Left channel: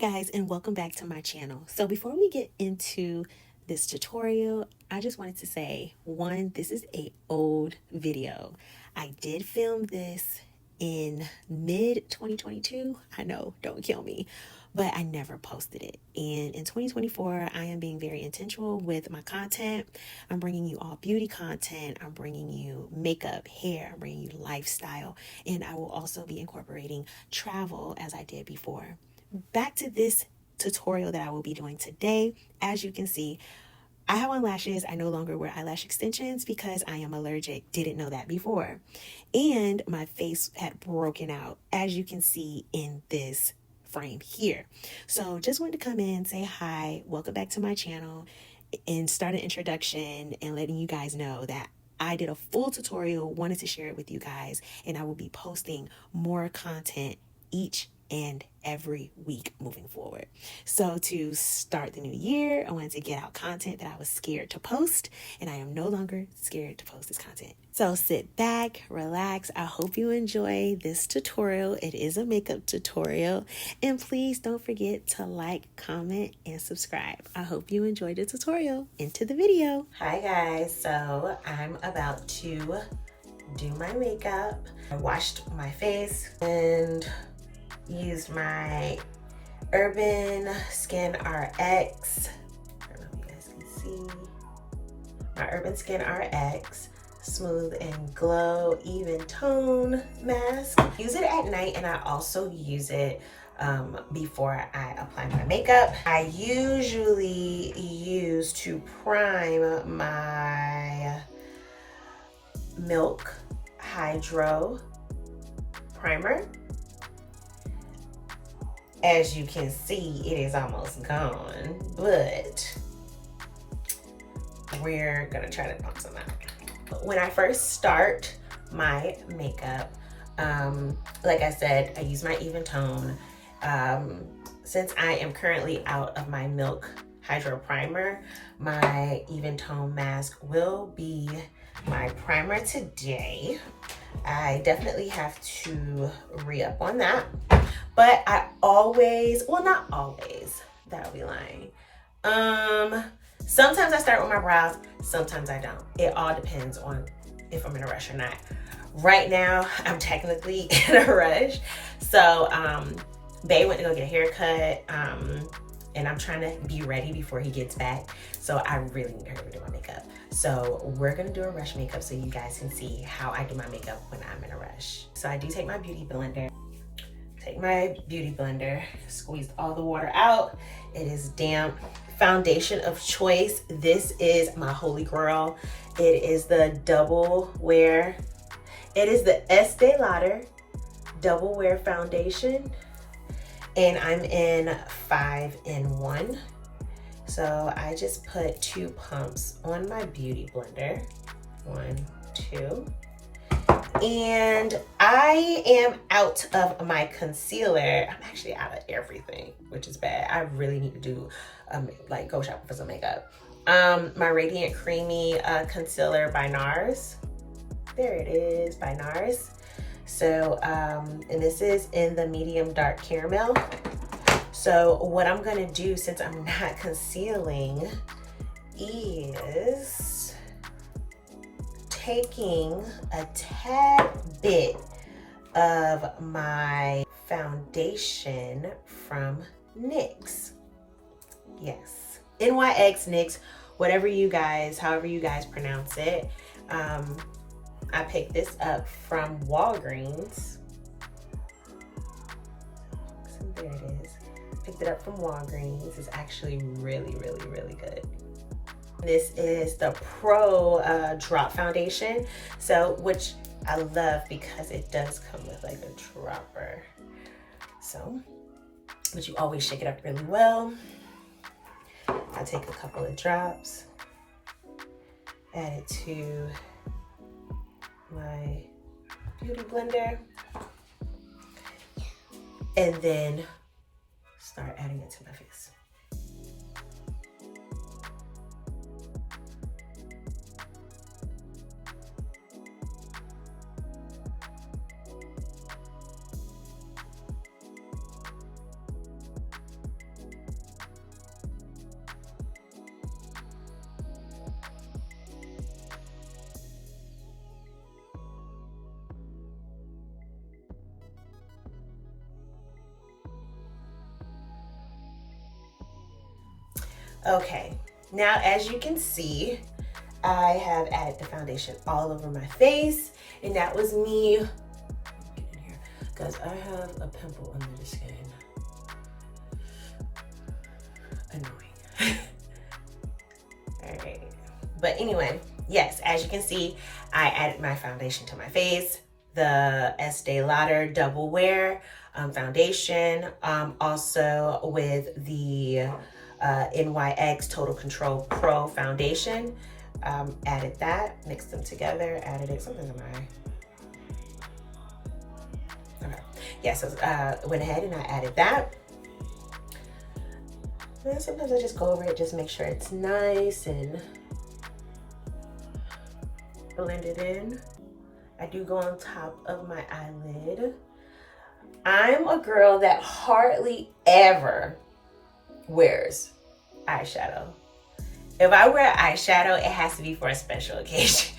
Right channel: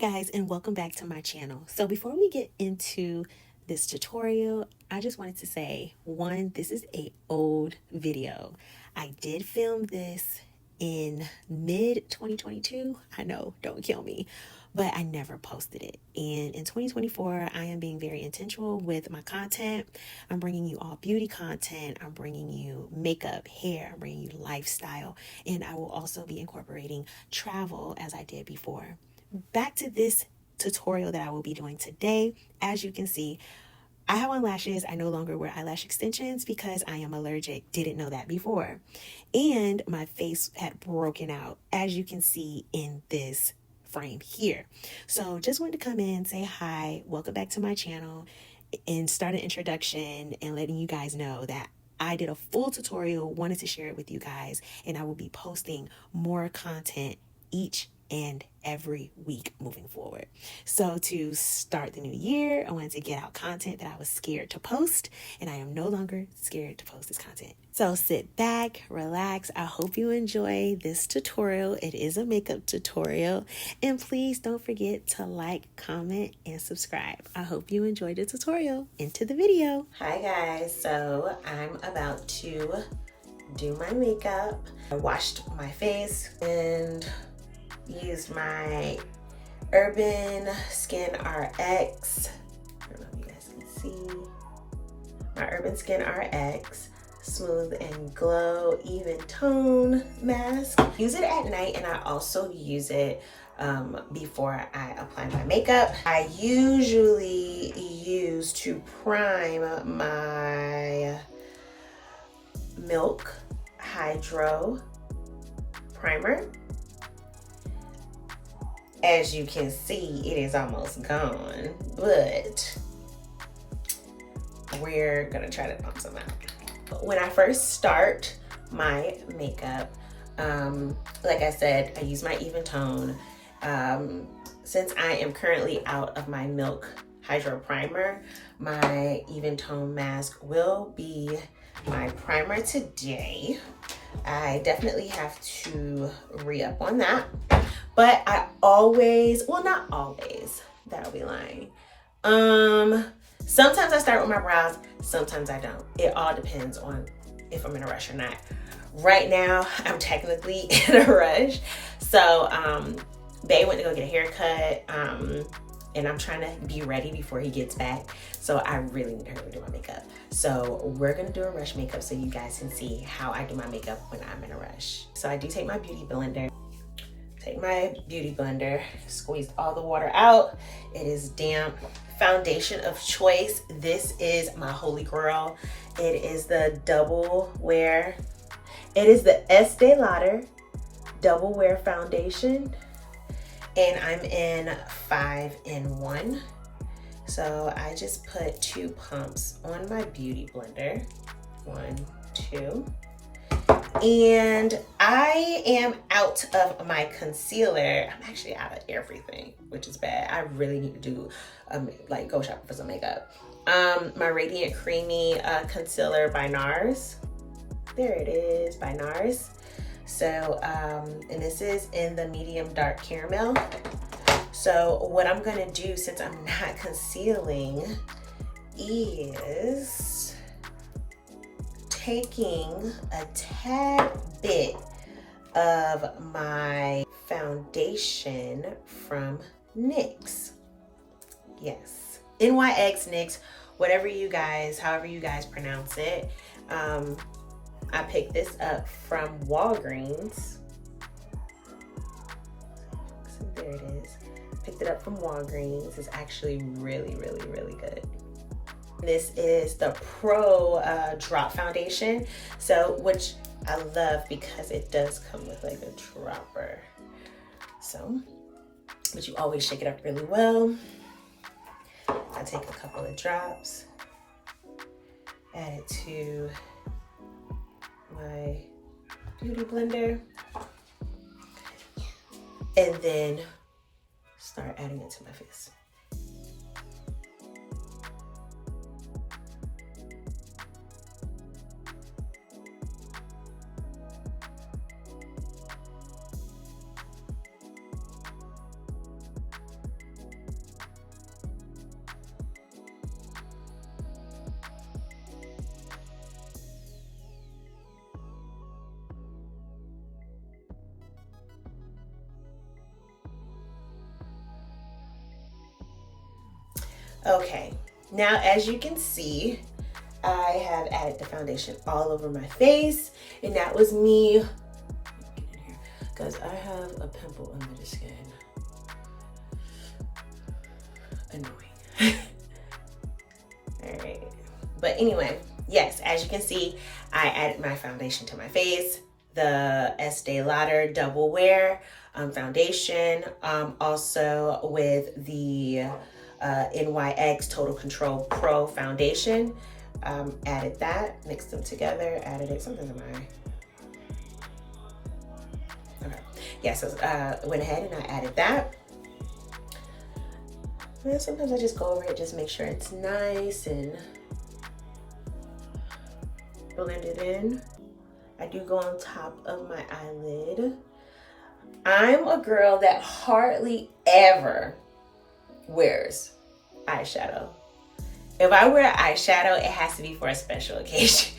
guys, and welcome back to my channel. So before we get into this tutorial, I just wanted to say, one, this is an old video. I did film this in mid 2022. I know, don't kill me, but I never posted it. And in 2024, I am being very intentional with my content. I'm bringing you all beauty content. I'm bringing you makeup, hair, I'm bringing you lifestyle, and I will also be incorporating travel as I did before. Back to this tutorial that I will be doing today. As you can see, I have on lashes. I no longer wear eyelash extensions because I am allergic. Didn't know that before. And my face had broken out, as you can see in this frame here. So just wanted to come in, say hi, welcome back to my channel, and start an introduction and letting you guys know that I did a full tutorial, wanted to share it with you guys, and I will be posting more content each and every week moving forward. So to start the new year, I wanted to get out content that I was scared to post, and I am no longer scared to post this content. So sit back, relax. I hope you enjoy this tutorial. It is a makeup tutorial, and please don't forget to like, comment, and subscribe. I hope you enjoyed the tutorial. Into the video. Hi guys, so I'm about to do my makeup. I washed my face and used my Urban Skin RX. I don't know if you guys can see. My Urban Skin RX Smooth and Glow Even Tone Mask. Use it at night, and I also use it before I apply my makeup. I usually use to prime my Milk Hydro Primer. As you can see, it is almost gone, but we're gonna try to pump some out. When I first start my makeup, like I said, I use my Even Tone. Since I am currently out of my Milk Hydro Primer, my Even Tone mask will be my primer today. I definitely have to re-up on that. But I always, well, not always, that'll be lying. Sometimes I start with my brows, sometimes I don't. It all depends on if I'm in a rush or not. Right now, I'm technically in a rush. So, Bae went to go get a haircut, and I'm trying to be ready before he gets back. So I really need to hurry to do my makeup. So we're gonna do a rush makeup so you guys can see how I do my makeup when I'm in a rush. So I do take my beauty blender. Squeeze all the water out. It is damp. Foundation of choice. This is my holy grail. It is the Double Wear. It is the Estee Lauder Double Wear Foundation. And I'm in 5-in-1. So I just put 2 pumps on my beauty blender. 1, 2. And I am out of my concealer. I'm actually out of everything, which is bad. I really need to do like go shopping for some makeup. My Radiant Creamy concealer by NARS. There it is, by NARS. So, and this is in the medium dark caramel. So what I'm gonna do, since I'm not concealing, is taking a tad bit of my foundation from NYX. Yes, NYX, NYX, whatever you guys, however you guys pronounce it. I picked this up from Walgreens. There it is. Picked it up from Walgreens. It's actually really, really, really good. This is the Pro Drop Foundation, so which I love because it does come with like a dropper. So, but you always shake it up really well. I take a couple of drops, add it to my beauty blender, and then start adding it to my face. Okay, now as you can see, I have added the foundation all over my face, and that was me. Get in here, because I have a pimple under the skin. Annoying. All right, but anyway, yes, as you can see, I added my foundation to my face, the Estee Lauder Double Wear foundation, also with the NYX Total Control Pro foundation. Added that, mixed them together, added it, something in my, okay. Yeah, so went ahead and I added that. And sometimes I just go over it, just make sure it's nice and blend it in. I do go on top of my eyelid. I'm a girl that hardly ever wears eyeshadow. If I wear eyeshadow, it has to be for a special occasion.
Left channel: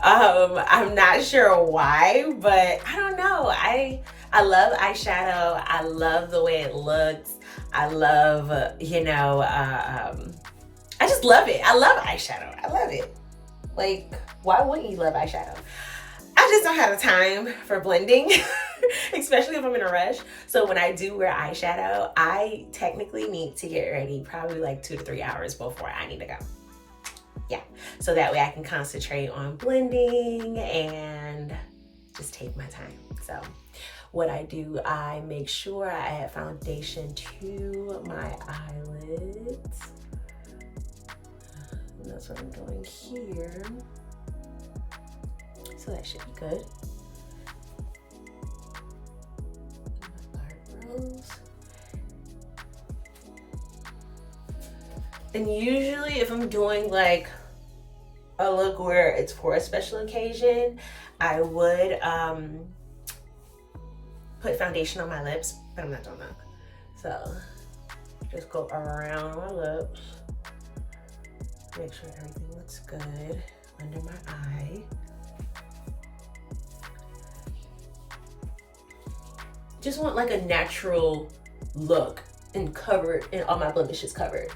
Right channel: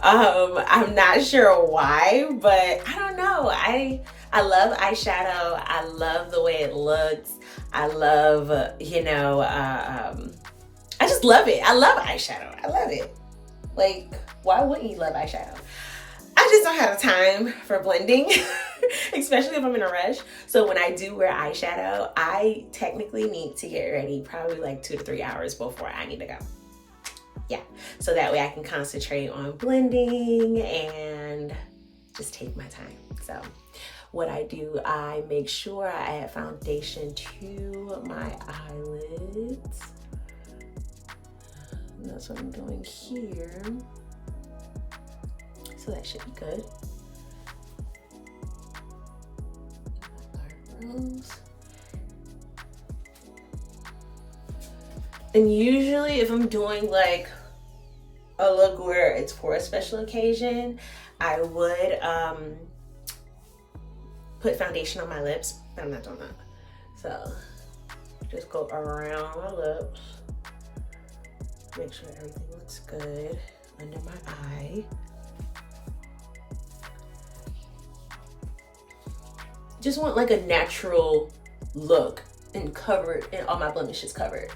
I'm not sure why, but I don't know. I love eyeshadow. I love the way it looks. I love, I just love it. I love eyeshadow. I love it. Like, why wouldn't you love eyeshadow? I just don't have the time for blending, especially if I'm in a rush. So when I do wear eyeshadow, I technically need to get ready probably like 2 to 3 hours before I need to go. Yeah, so that way I can concentrate on blending and just take my time. So what I do, I make sure I add foundation to my eyelids. And that's what I'm doing here. So that should be good. Eyebrows. And usually if I'm doing like a look where it's for a special occasion, I would put foundation on my lips, but I'm not doing that. So just go around my lips. Make sure everything looks good under my eye. Just want like a natural look and covered, and all my blemishes covered.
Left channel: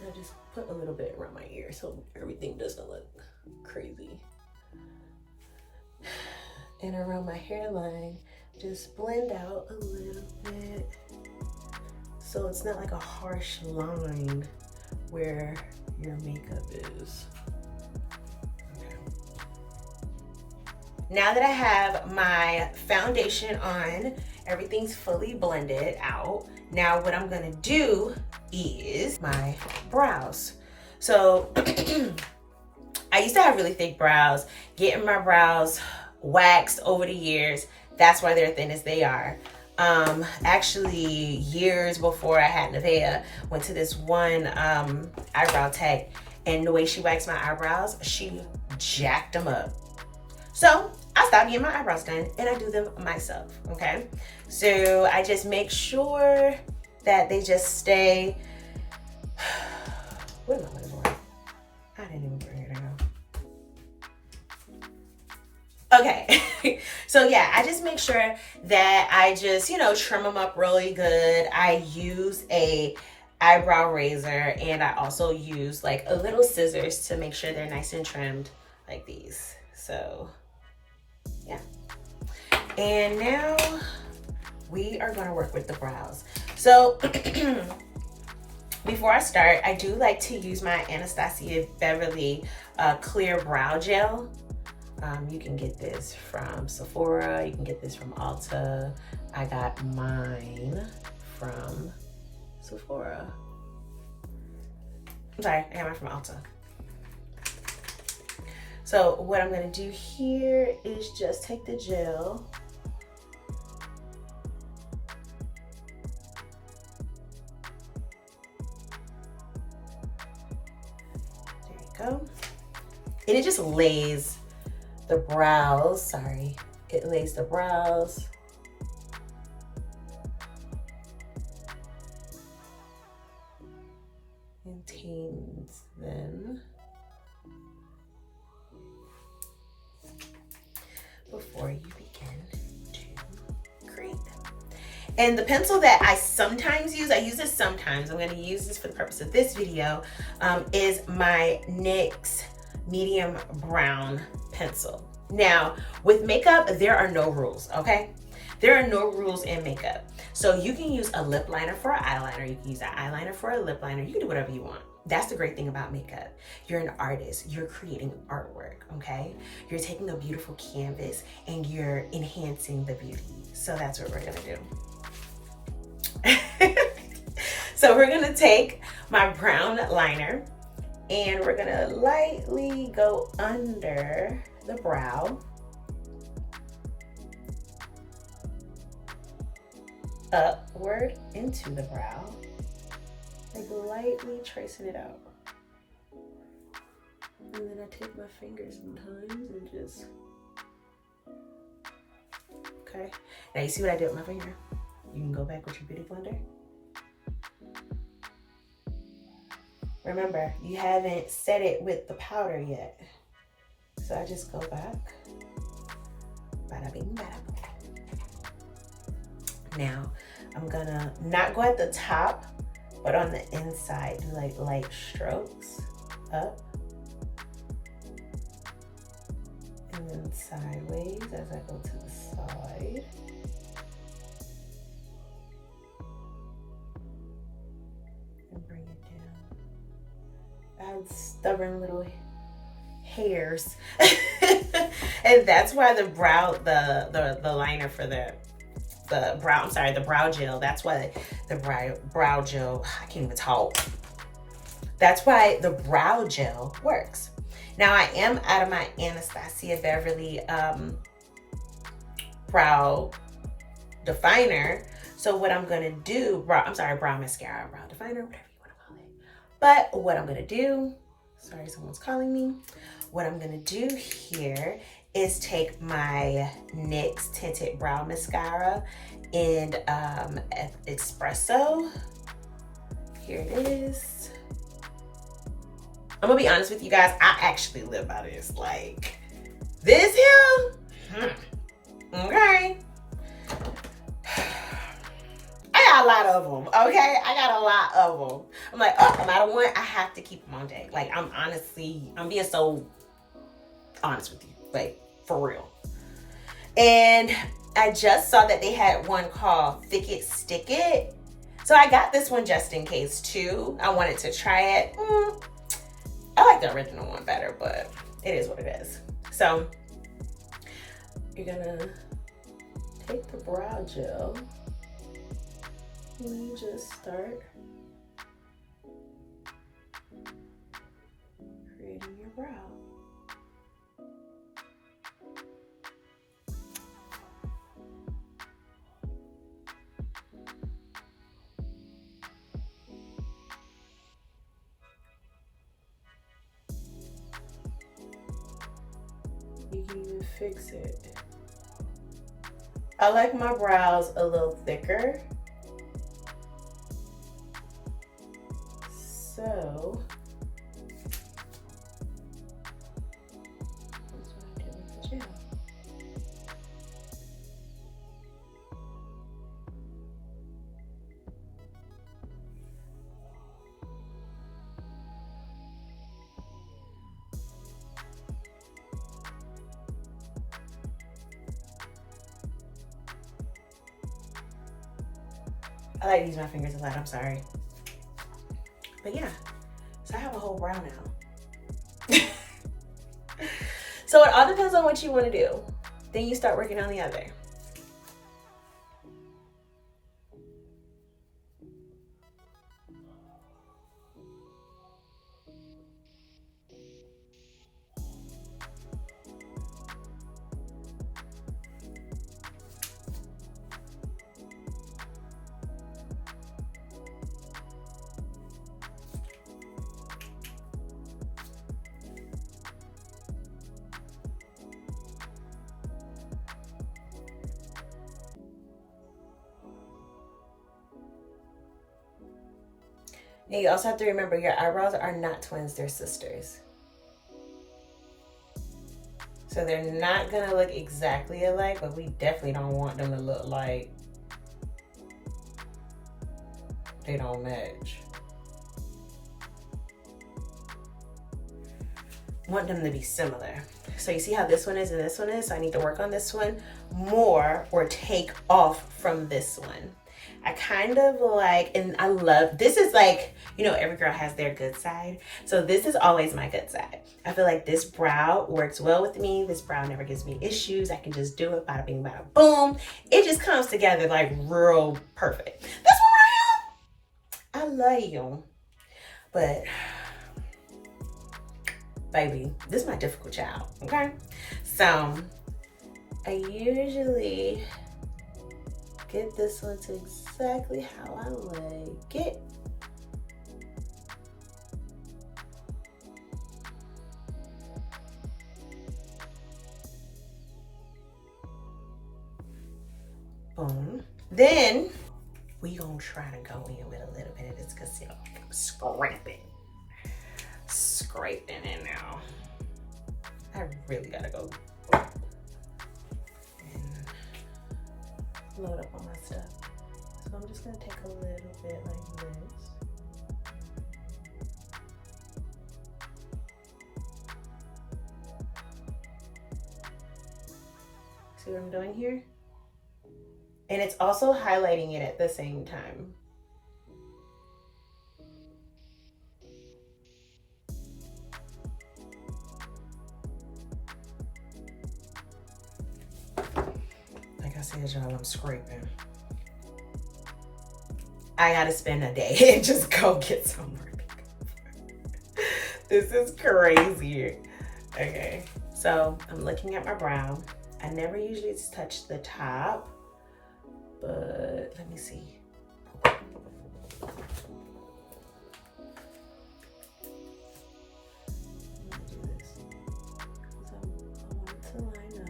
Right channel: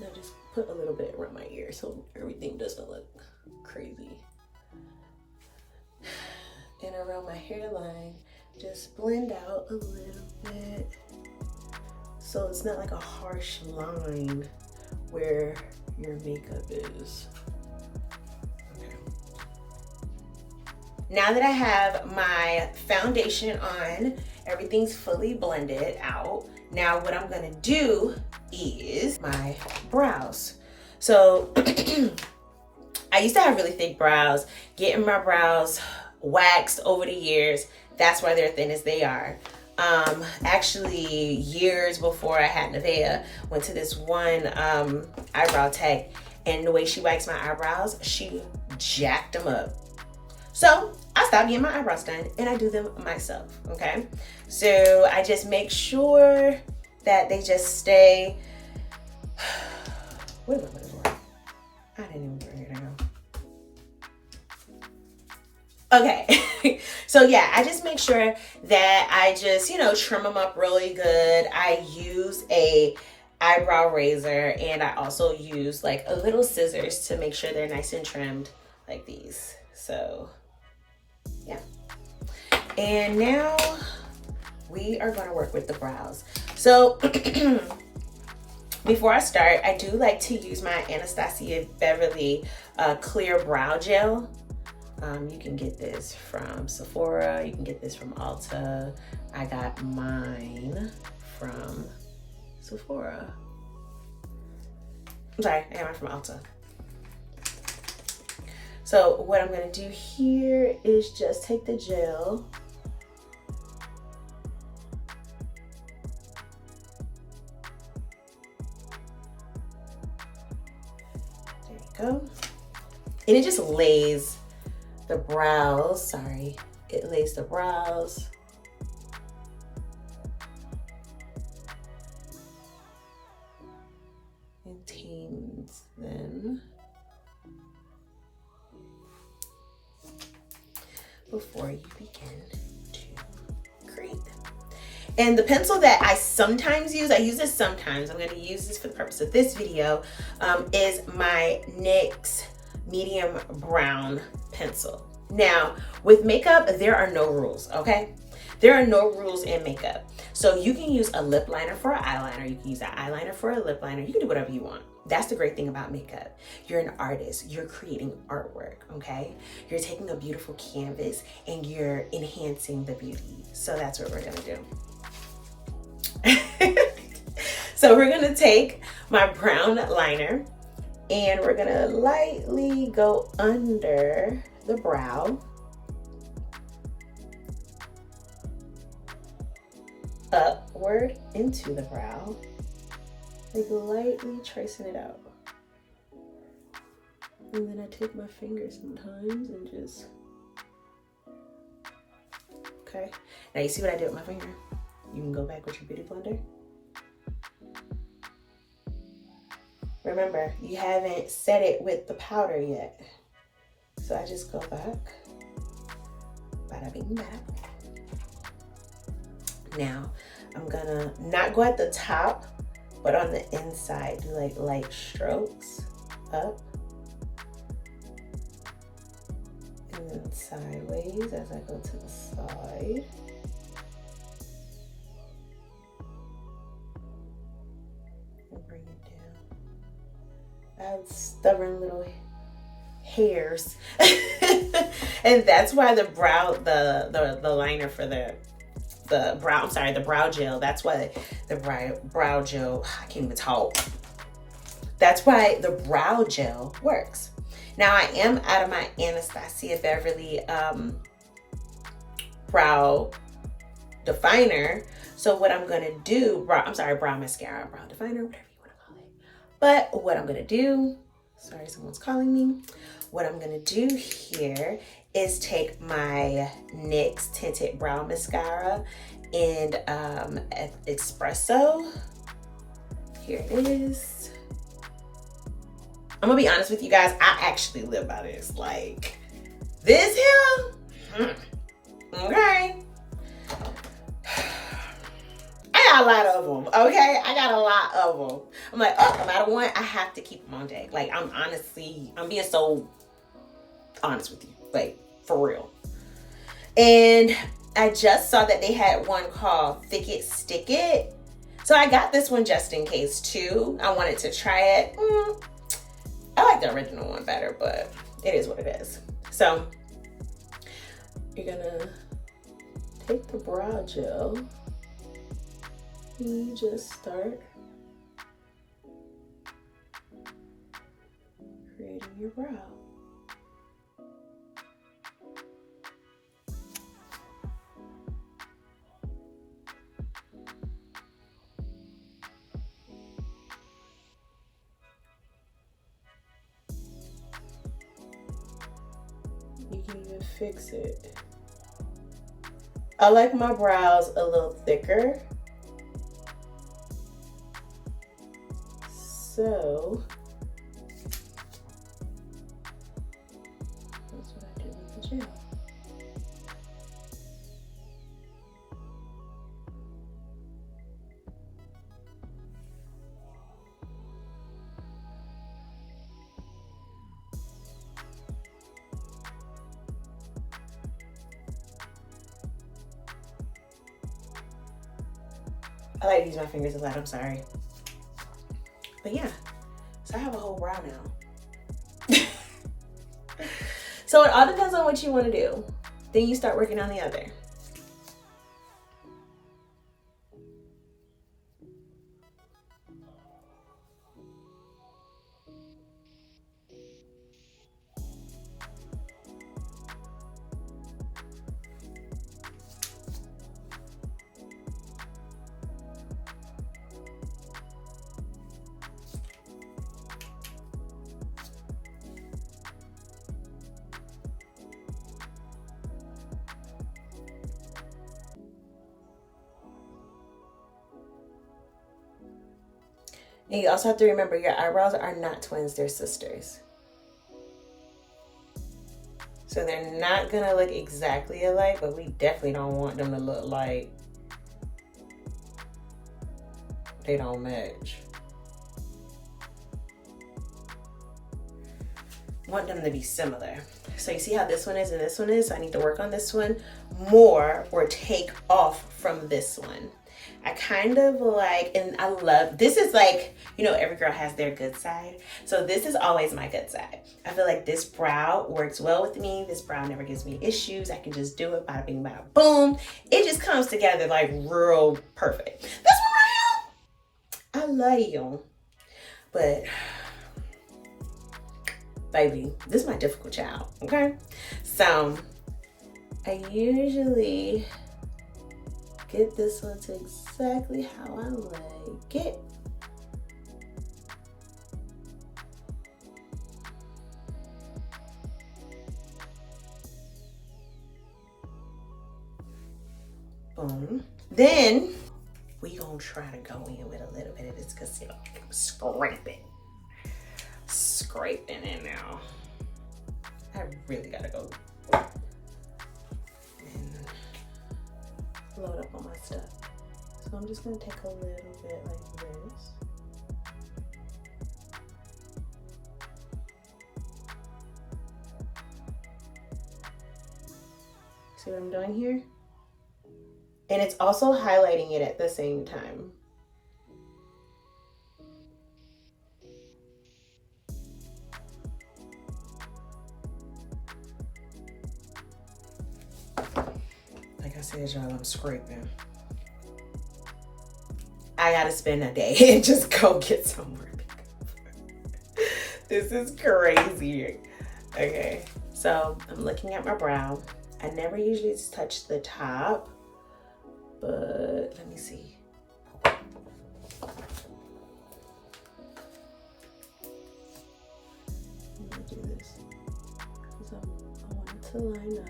Now just put a little bit around my ear so everything doesn't look crazy. And around my hairline, just blend out a little bit so it's not like a harsh line where your makeup is. Now that I have my foundation on, everything's fully blended out. Now what I'm gonna do is my brows. So I used to have really thick brows. Getting my brows waxed over the years, that's why they're thin as they are. Actually, years before I had Nevaeh, went to this one eyebrow tech, and the way she waxed my eyebrows, she jacked them up. So I stopped getting my eyebrows done and I do them myself, okay? So I just make sure that they just stay. What am I looking for? I didn't even bring it down. Okay, so yeah, I just make sure that I just, trim them up really good. I use a eyebrow razor, and I also use like a little scissors to make sure they're nice and trimmed like these. So yeah. And now we are gonna work with the brows. So before I start, I do like to use my Anastasia Beverly clear brow gel. You can get this from Sephora, you can get this from Ulta. I got mine from Sephora. I'm sorry, I got mine from Ulta. So what I'm gonna do here is just take the gel. There you go. And it just lays the brows, it lays the brows. And tames them before you begin to create them. And the pencil that I sometimes use, I use this sometimes, I'm gonna use this for the purpose of this video, is my NYX medium brown pencil. Now, with makeup, there are no rules, okay? There are no rules in makeup. So you can use a lip liner for an eyeliner, you can use an eyeliner for a lip liner, you can do whatever you want. That's the great thing about makeup. You're an artist, you're creating artwork, okay? You're taking a beautiful canvas and you're enhancing the beauty. So that's what we're gonna do. So we're gonna take my brown liner and we're gonna lightly go under the brow, upward into the brow, and lightly tracing it out. And then I take my fingers sometimes and just, okay. Now you see what I did with my finger? You can go back with your beauty blender. Remember, you haven't set it with the powder yet. So I just go back. Bada bing, bada boom. Now, I'm gonna not go at the top, but on the inside, do like light strokes up. And then sideways as I go to the side. Stubborn little hairs. And that's why the brow, the liner for the brow, I'm sorry, the brow gel, that's why the brow gel, I can't even talk. That's why the brow gel works. Now I am out of my Anastasia Beverly brow definer. So what I'm gonna do, brow mascara, brow definer, whatever you wanna call it. But what I'm gonna do, sorry, someone's calling me. What I'm gonna do here is take my NYX Tinted Brow Mascara in Espresso. Here it is. I'm gonna be honest with you guys, I actually live by this. Like, this here, okay. I got a lot of them, okay? I got a lot of them. I'm like, oh, I'm out of one. I have to keep them on deck. Like, I'm being so honest with you. Like, for real. And I just saw that they had one called Thick It, Stick It. So I got this one just in case too. I wanted to try it. I like the original one better, but it is what it is. So you're gonna take the brow gel and you just start creating your brow. You can even fix it. I like my brows a little thicker. So that's what I do with the gel. I like to use my fingers a lot, I'm sorry. But yeah, so I have a whole brow now. So it all depends on what you want to do. Then you start working on the other. And you also have to remember your eyebrows are not twins, they're sisters. So they're not gonna look exactly alike, but we definitely don't want them to look like They don't match. I want them to be similar. So you see how this one is and this one is? So I need to work on this one more or take off from this one. I kind of like, and I love, this is like, you know, every girl has their good side. So this is always my good side. I feel like this brow works well with me. This brow never gives me issues. I can just do it, bada bing, bada boom. It just comes together like real perfect. That's what I am. I love you. But baby, this is my difficult child, okay? So I usually get this one to exactly how I like it. Boom. Then we gonna try to go in with a little bit of this concealer. Scraping it now. I really gotta go and load up on my stuff. So I'm just gonna take a little bit like this. See what I'm doing here? And it's also highlighting it at the same time. Like I said, y'all, I'm scraping. I gotta spend a day and just go get some more makeup. This is crazy. Okay, so I'm looking at my brow. I never usually touch the top, but let me see. Let me do this because I want it to line up.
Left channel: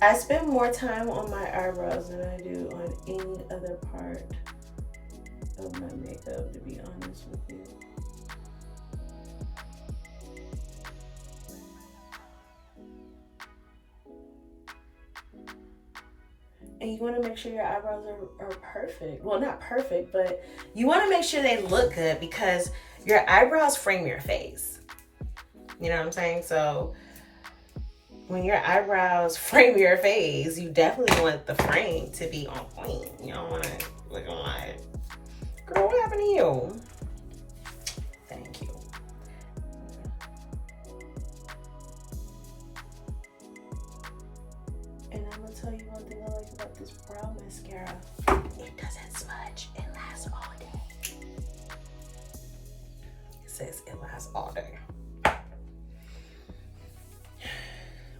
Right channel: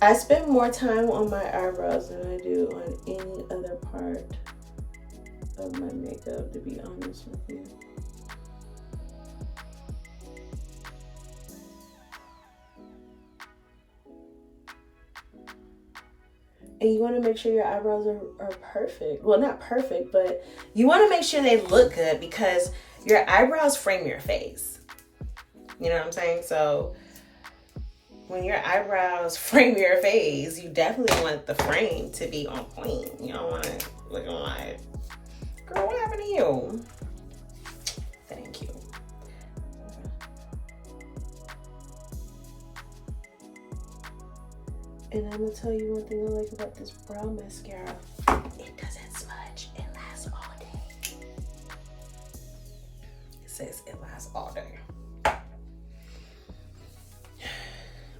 I spend more time on my eyebrows than I do on any other part of my makeup, to be honest with you. And you want to make sure your eyebrows are perfect. Well, not perfect, but you want to make sure they look good because your eyebrows frame your face. You know what I'm saying? So when your eyebrows frame your face, you definitely want the frame to be on point. You don't want to look like, girl, what happened to you? Thank you. And I'm gonna tell you one thing I like about this brow mascara. It doesn't smudge. It lasts all day. It says it lasts all day.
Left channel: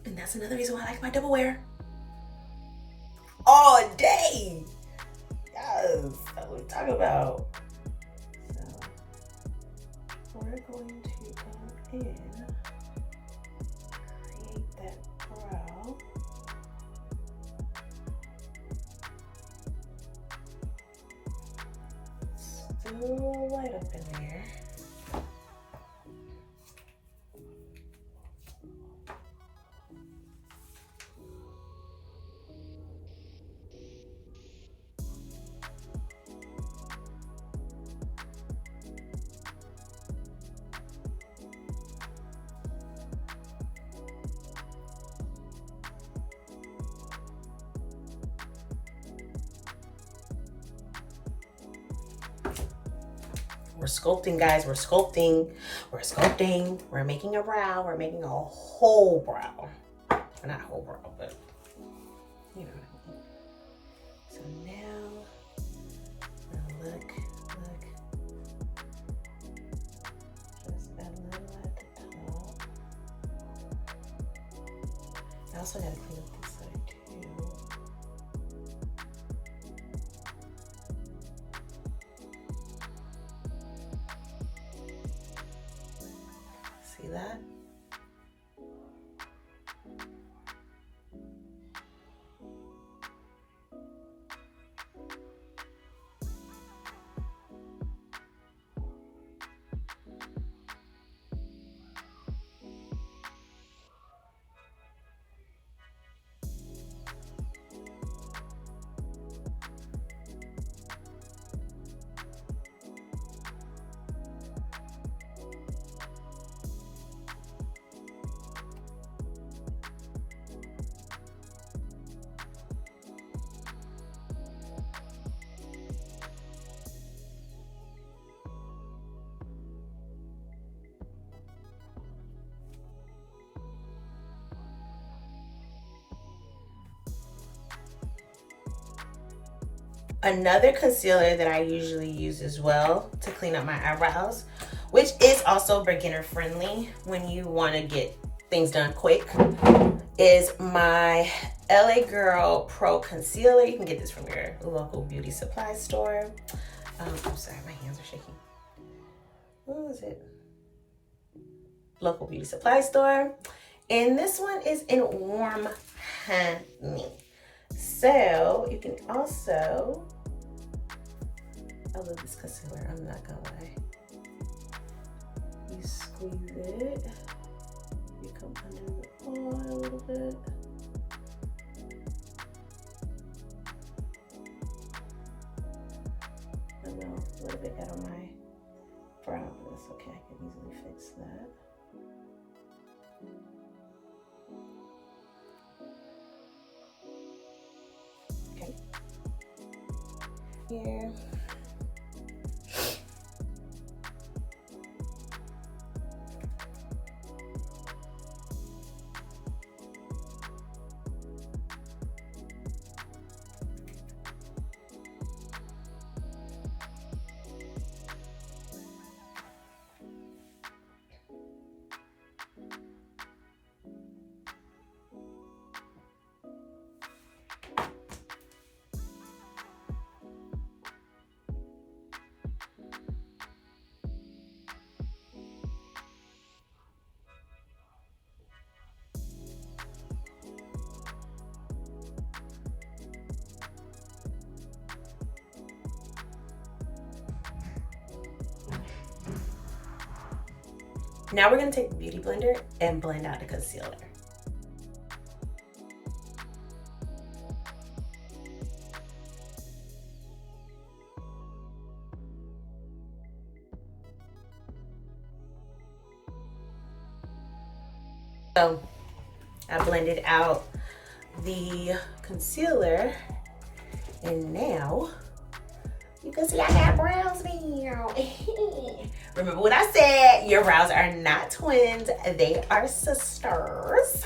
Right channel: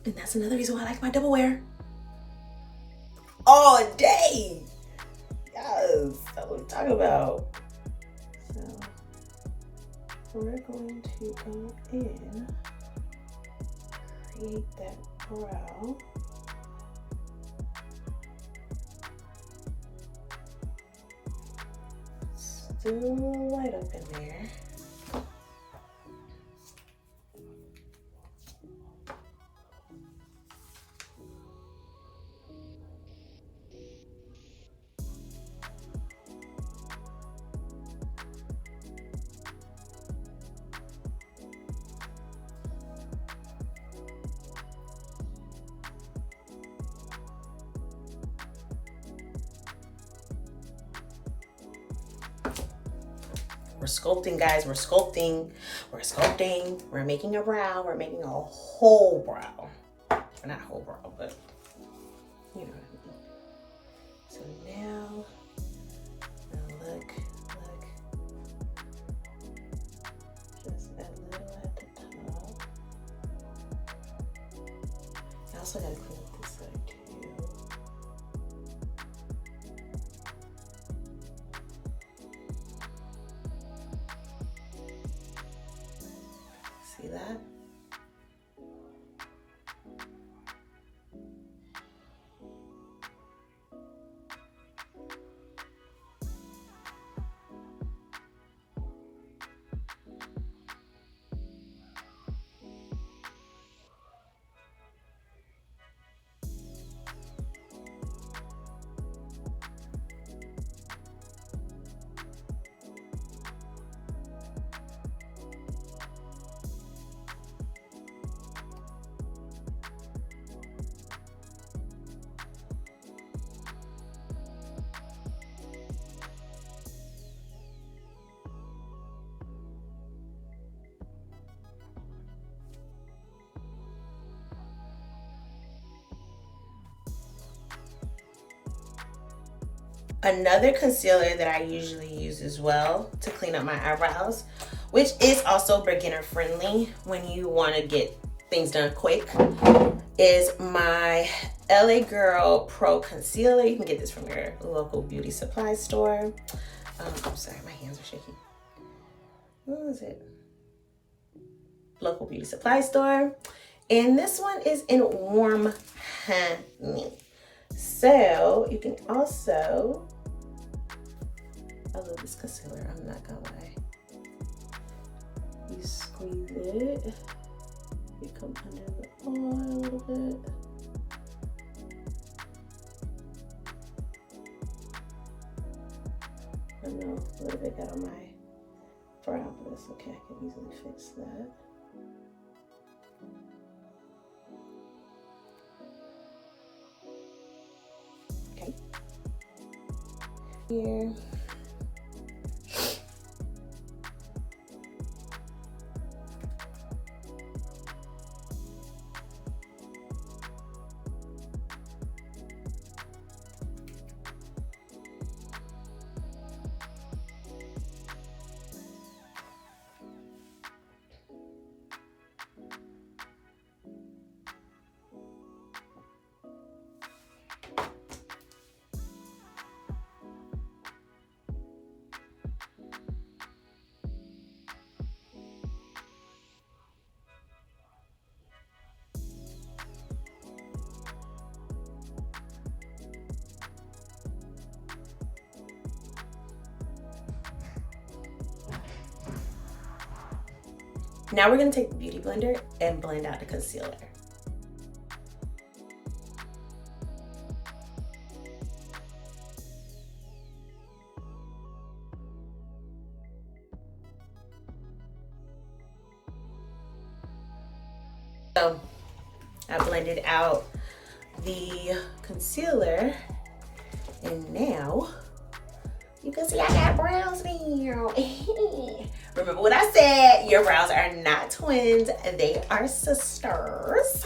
And that's another reason why I like my double wear. All day. Yes, that's what I'm talking about. So we're going to go in, create that brow. Still a little light up in there. We're sculpting, guys. We're sculpting. We're sculpting. We're making a brow. We're making a whole brow. Well, not whole brow, but you know what I mean. So now look. Just a little at the top. I also gotta clean up this side too. See that? another concealer that I usually use as well to clean up my eyebrows, which is also beginner friendly when you want to get things done quick, is my LA Girl Pro Concealer. You can get this from your local beauty supply store. I'm sorry, my hands are shaking. What was it? Local beauty supply store. And this one is in Warm Honey. So you can also, I love this concealer, I'm not gonna lie. You squeeze it, you come under the eye a little bit. I know, a little bit got on my brow, but it's okay, I can easily fix that. Okay. Here. Now we're gonna take the Beauty Blender and blend out the concealer. So I blended out the concealer, and now you can see I got brows now. Remember what I said, your brows are not twins, they are sisters.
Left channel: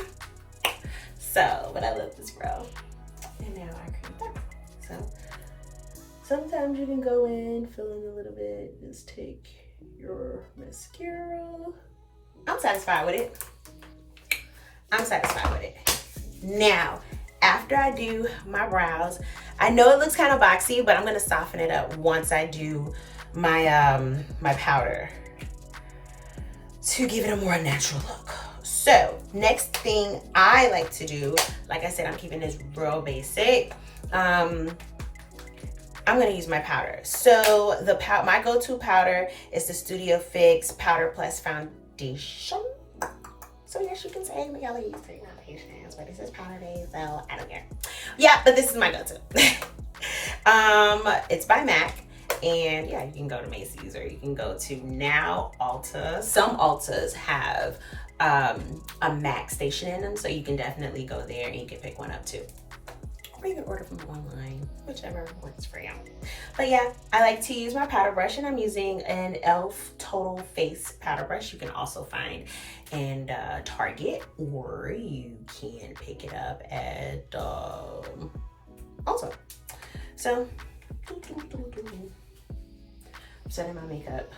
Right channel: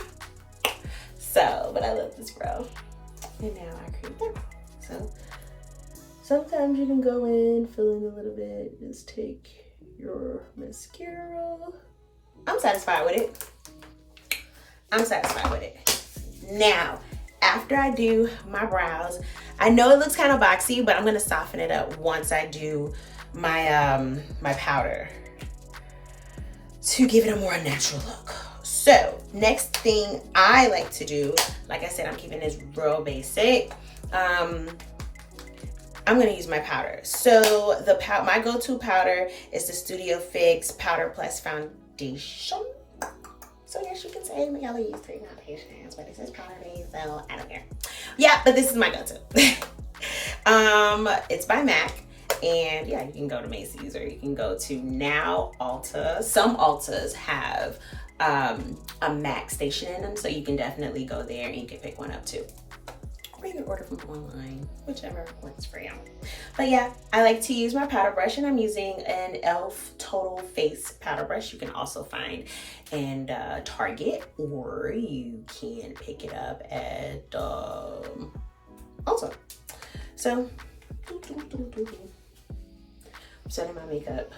So, but I love this brow. And now I create that. So, sometimes you can go in, fill in a little bit, just take your mascara. I'm satisfied with it. I'm satisfied with it. Now, after I do my brows, I know it looks kind of boxy, but I'm gonna soften it up once I do my my powder to give it a more natural look. So next thing I like to do, like I said, I'm keeping this real basic. I'm gonna use my powder. So my go-to powder is the Studio Fix Powder Plus Foundation. So yes, you can say my yellow use 3 foundations, but this is powder based, so I don't care. Yeah, but this is my go-to. It's by MAC. And yeah, you can go to Macy's or you can go to now Ulta. Some Ultas have a MAC station in them, so you can definitely go there and you can pick one up too. Or you can order from online, whichever works for you. But yeah, I like to use my powder brush, and I'm using an e.l.f. Total Face powder brush. You can also find in Target, or you can pick it up at Ulta. So, setting my makeup.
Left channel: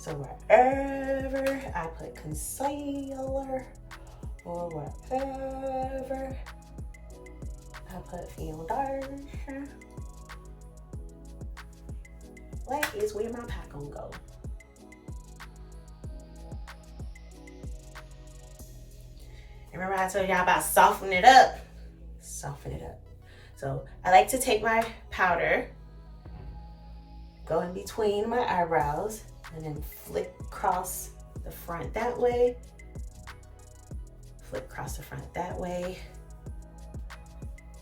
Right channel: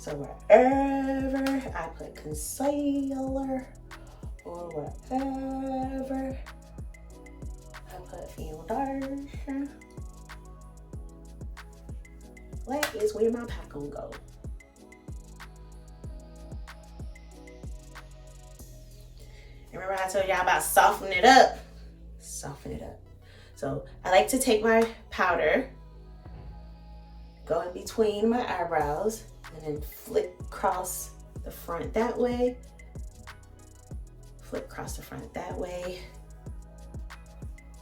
So wherever I put concealer or whatever I put foundation, that is where my pack gonna go. Remember I told y'all about softening it up? Soften it up. So I like to take my powder, go in between my eyebrows, and then flick across the front that way, flick across the front that way,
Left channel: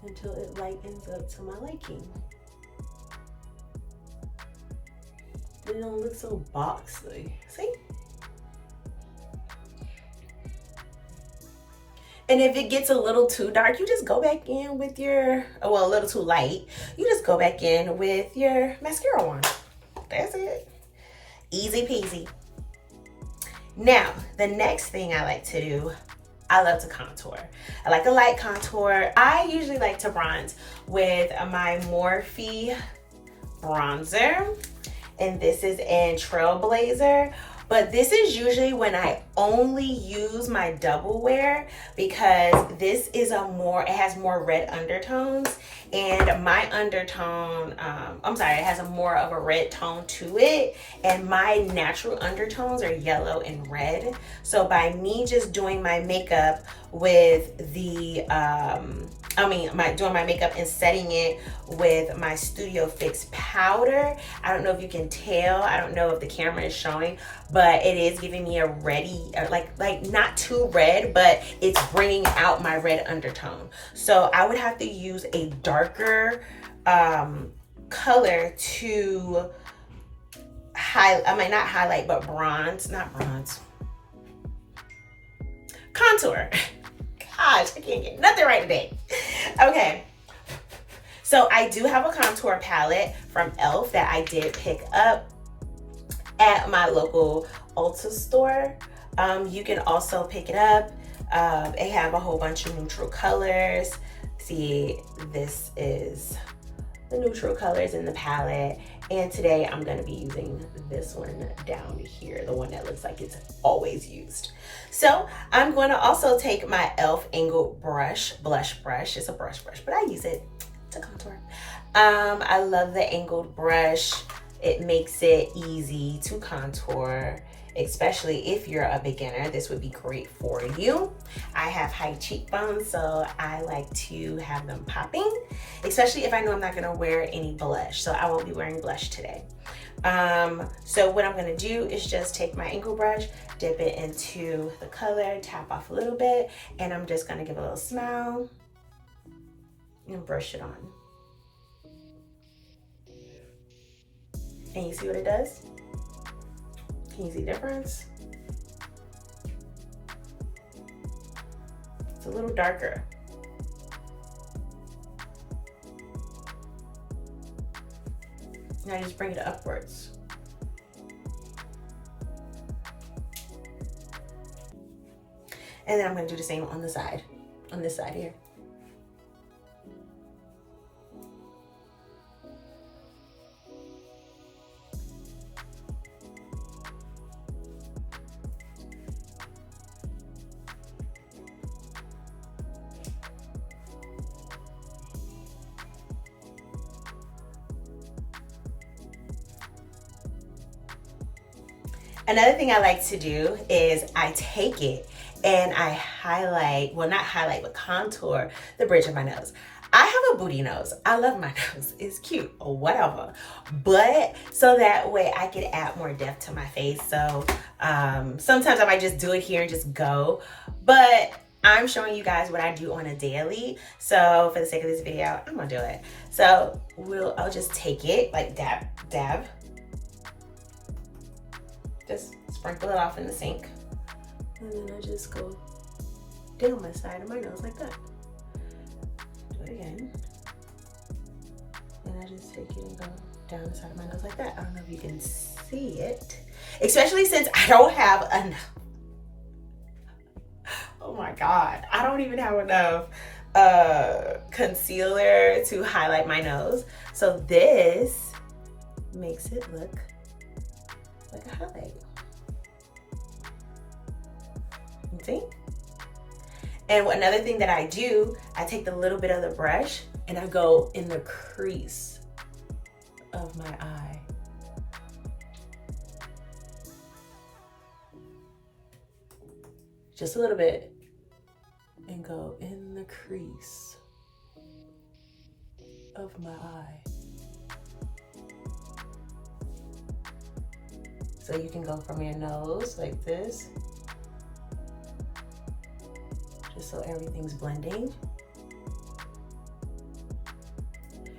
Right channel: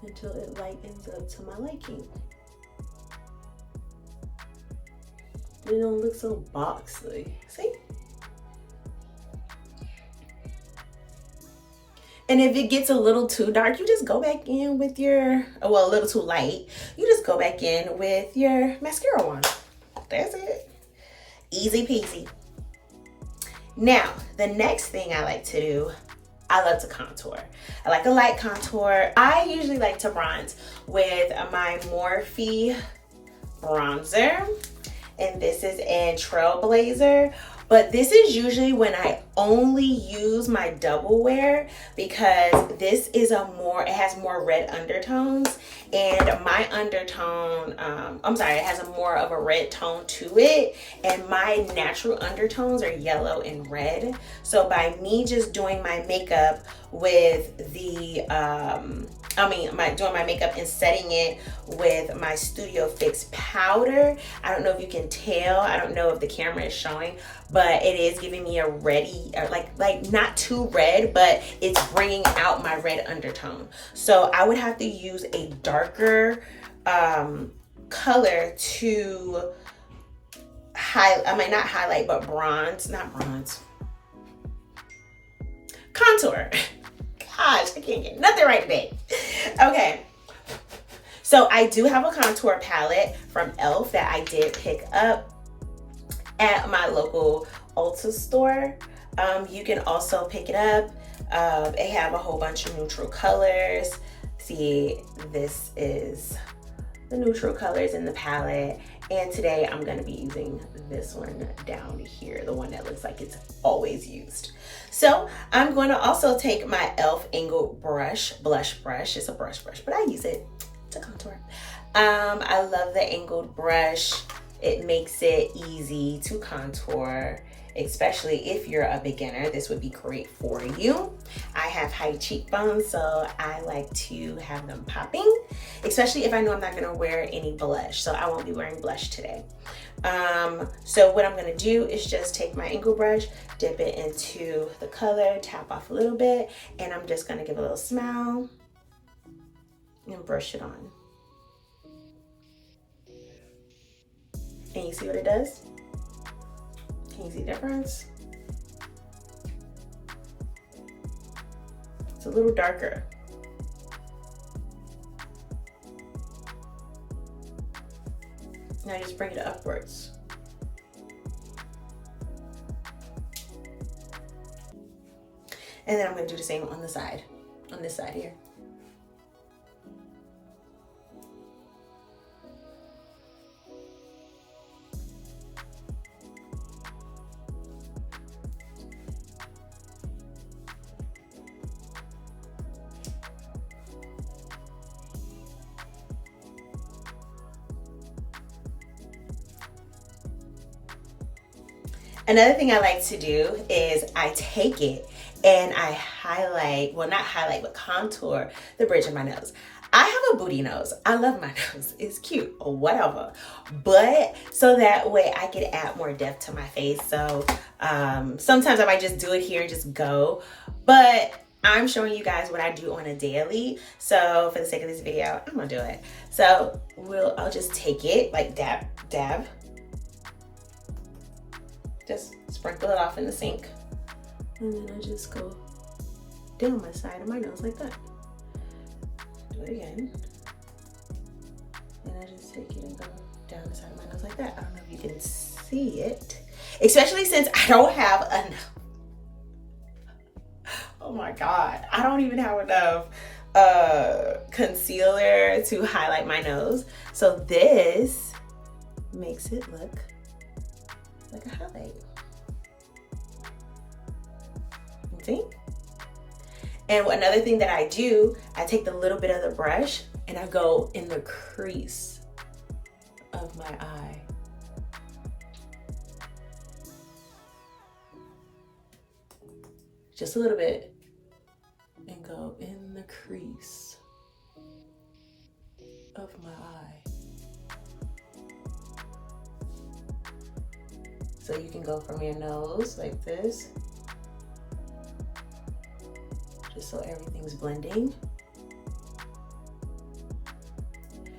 until it lightens up to my liking. It don't look so boxy, see? And if it gets a little too dark, you just go back in with your, well, a little too light, you just go back in with your mascara wand. That's it. Easy peasy. Now, the next thing I like to do I love to contour. I like a light contour. I usually like to bronze with my Morphe bronzer, and this is in Trailblazer. But this is usually when I only use my double wear, because this is it has more red undertones, and my undertone, it has a more of a red tone to it, and my natural undertones are yellow and red. So by me just doing my makeup with the, doing my makeup and setting it with my Studio Fix powder, I don't know if you can tell, I don't know if the camera is showing, but it is giving me a reddy, like not too red, but it's bringing out my red undertone. So I would have to use a darker color to contour. Gosh, I can't get nothing right today. Okay. So I do have a contour palette from e.l.f. that I did pick up at my local Ulta store. You can also pick it up. They have a whole bunch of neutral colors. See, this is the neutral colors in the palette. And today I'm gonna be using this one down here, the one that looks like it's always used. So I'm going to also take my e.l.f. angled blush brush. It's a brush, but I use it to contour. I love the angled brush. It makes it easy to contour, especially if you're a beginner. This would be great for you. I have high cheekbones, so I like to have them popping, especially if I know I'm not gonna wear any blush. So I won't be wearing blush today. So what I'm gonna do is just take my angled brush, dip it into the color, tap off a little bit, and I'm just gonna give a little smile and brush it on. And you see what it does? Can you see the difference? It's a little darker. Now just bring it upwards. And then I'm gonna do the same on the side, on this side here. Another thing I like to do is I take it and I highlight, well not highlight, but contour the bridge of my nose. I have a booty nose. I love my nose. It's cute or whatever. But so that way I can add more depth to my face. So sometimes I might just do it here and just go. But I'm showing you guys what I do on a daily. So for the sake of this video, I'm gonna do it. So I'll just take it, like dab, dab. Just sprinkle it off in the sink. And then I just go down my side of my nose like that. Do it again. And I just take it and go down the side of my nose like that. I don't know if you can see it. Especially since I don't have enough. Oh my God. I don't even have enough concealer to highlight my nose. So this makes it look like a highlight. See? And another thing that I do, I take the little bit of the brush and I go in the crease of my eye. Just a little bit. And go in the crease of my eye. So you can go from your nose like this, just so everything's blending.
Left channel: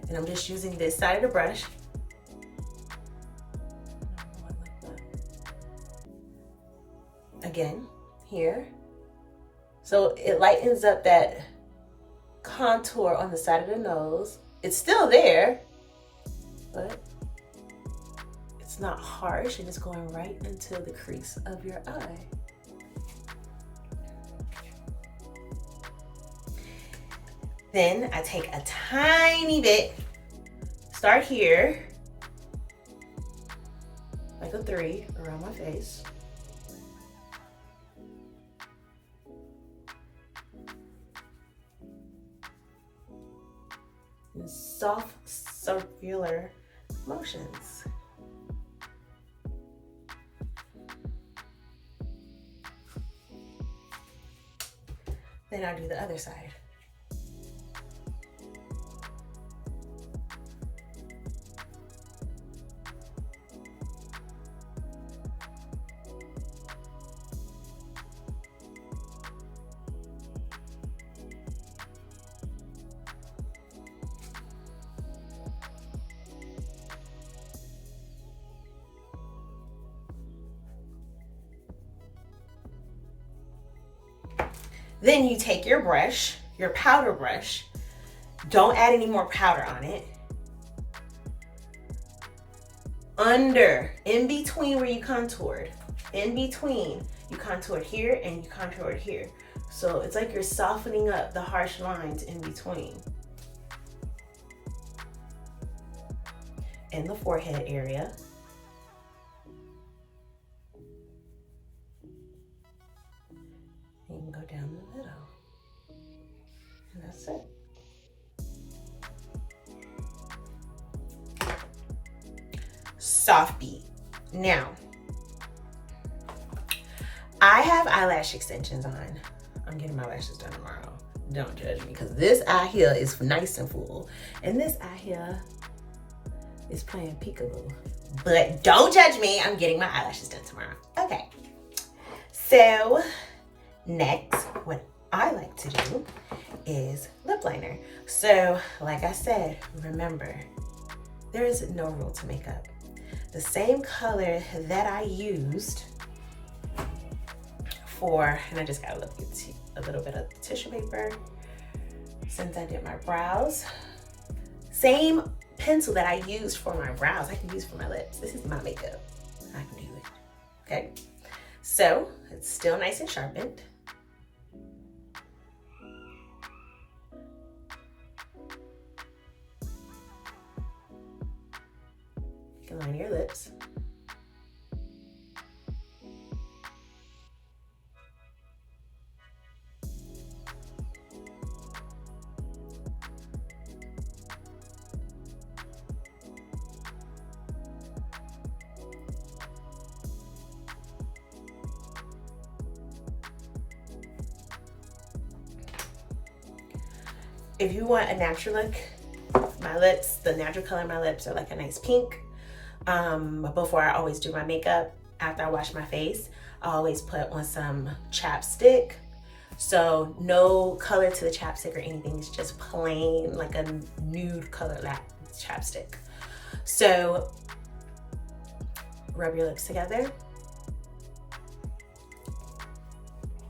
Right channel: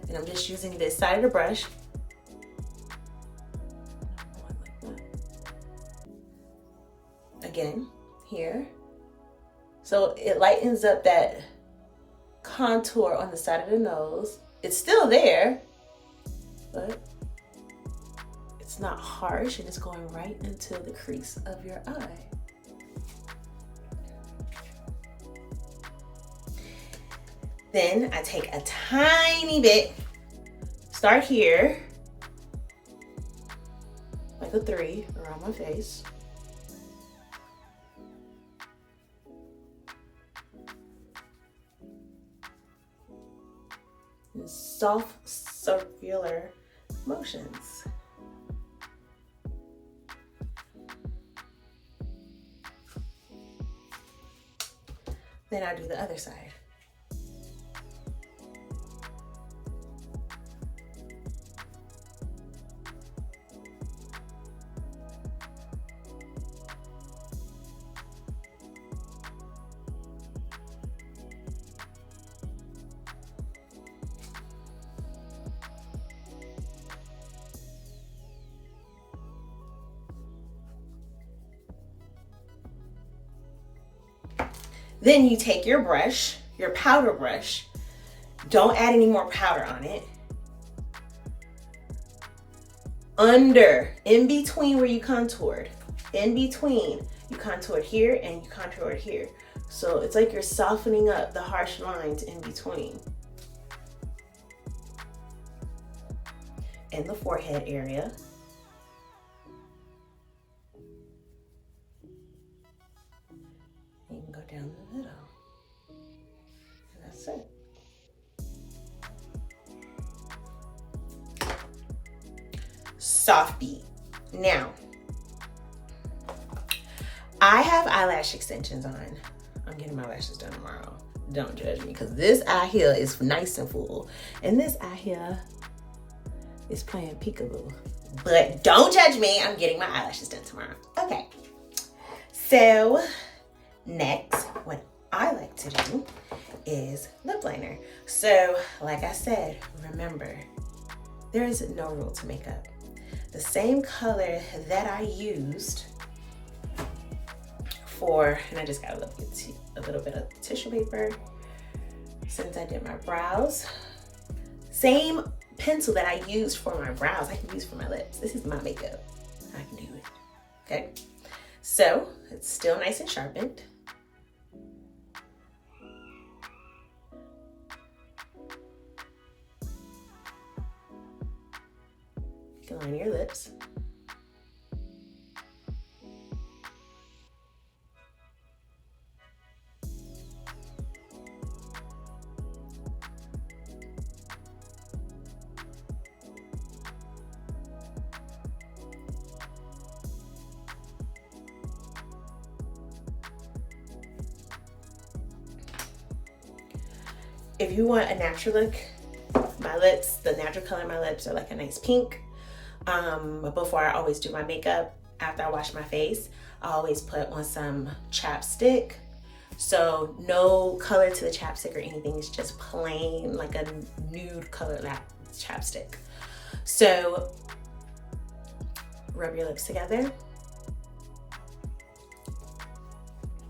And I'm just using this side of the brush. Again, here. So it lightens up that contour on the side of the nose. It's still there, but it's not harsh and it's going right into the crease of your eye. Then I take a tiny bit, start here, like a 3 around my face. And soft circular motions. Then I do the other side. Then you take your brush, your powder brush. Don't add any more powder on it. Under, in between where you contoured. In between, you contoured here and you contoured here. So it's like you're softening up the harsh lines in between. In the forehead area. You can go down the middle. And that's it. Soft beat. Now, I have eyelash extensions on. I'm getting my lashes done tomorrow. Don't judge me, because this eye here is nice and full. And this eye here is playing peekaboo. But don't judge me, I'm getting my eyelashes done tomorrow. Okay. So, next, what I like to do is lip liner. So, like I said, remember, there is no rule to makeup. The same color that I used for, and I just got a little bit of tissue paper since I did my brows. Same pencil that I used for my brows, I can use for my lips. This is my makeup. I can do it. Okay. So it's still nice and sharpened. You can line your lips. If you want a natural look, my lips, the natural color of my lips are like a nice pink. Before I always do my makeup, after I wash my face, I always put on some chapstick. So no color to the chapstick or anything, it's just plain like a nude color chapstick. So rub your lips together.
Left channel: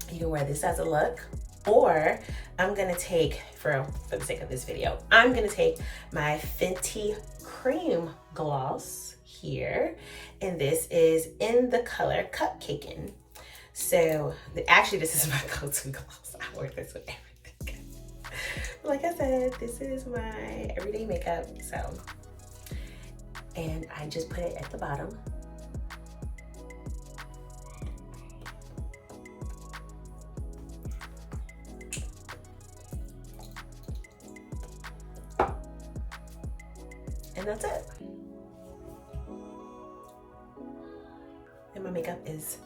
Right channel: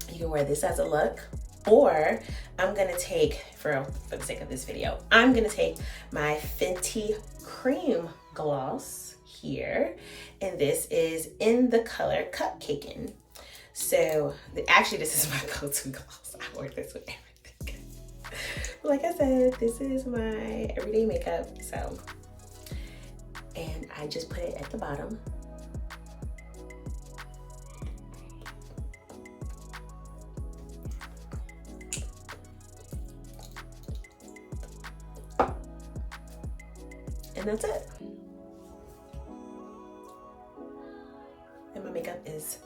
You can wear this as a look, or I'm gonna take, for the sake of this video, I'm gonna take my Fenty Cream Gloss here, and this is in the color Cupcakin'. So actually this is my go-to gloss. I wear this with everything. Like I said, this is my everyday makeup. So, and I just put it at the bottom. And that's it. And my makeup is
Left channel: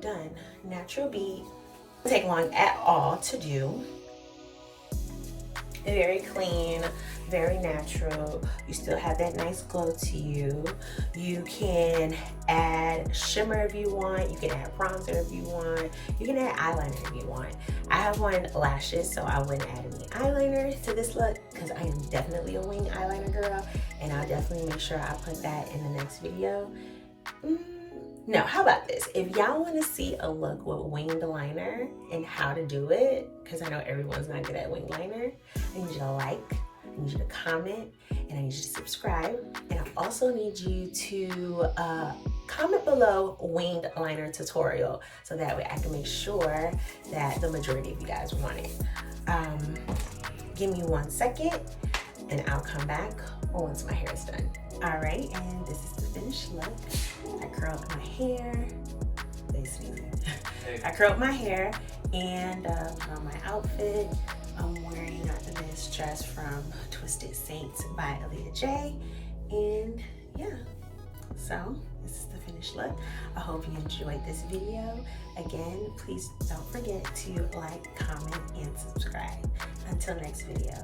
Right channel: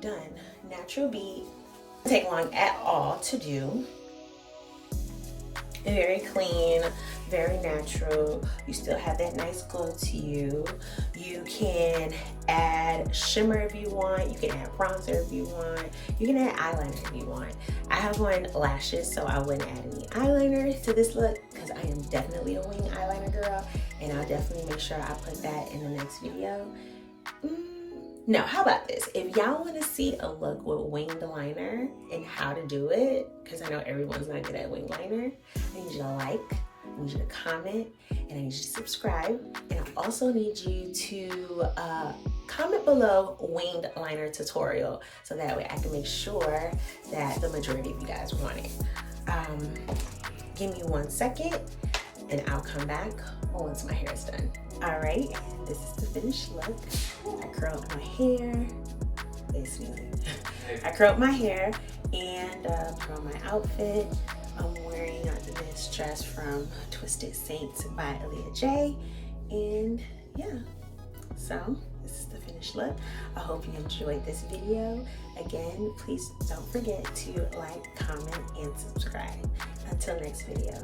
done. Natural beat. Doesn't take long at all to do. Very clean, very natural. You still have that nice glow to you. You can add shimmer if you want. You can add bronzer if you want. You can add eyeliner if you want. I have on lashes, so I wouldn't add any eyeliner to this look because I am definitely a wing eyeliner girl, and I'll definitely make sure I put that in the next video. No, how about this? If y'all want to see a look with winged liner and how to do it, because I know everyone's not good at winged liner, I need you to like, I need you to comment, and I need you to subscribe. And I also need you to comment below winged liner tutorial, so that way I can make sure that the majority of you guys want it. Give me 1 second and I'll come back once my hair is done. All right, and this is the finished look. I curled my hair. I curled my hair and put on my outfit. I'm wearing this dress from Twisted Saints by Aaliyah J. And yeah, so this is the finished look. I hope you enjoyed this video. Again, please don't forget to like, comment, and subscribe. Until next video.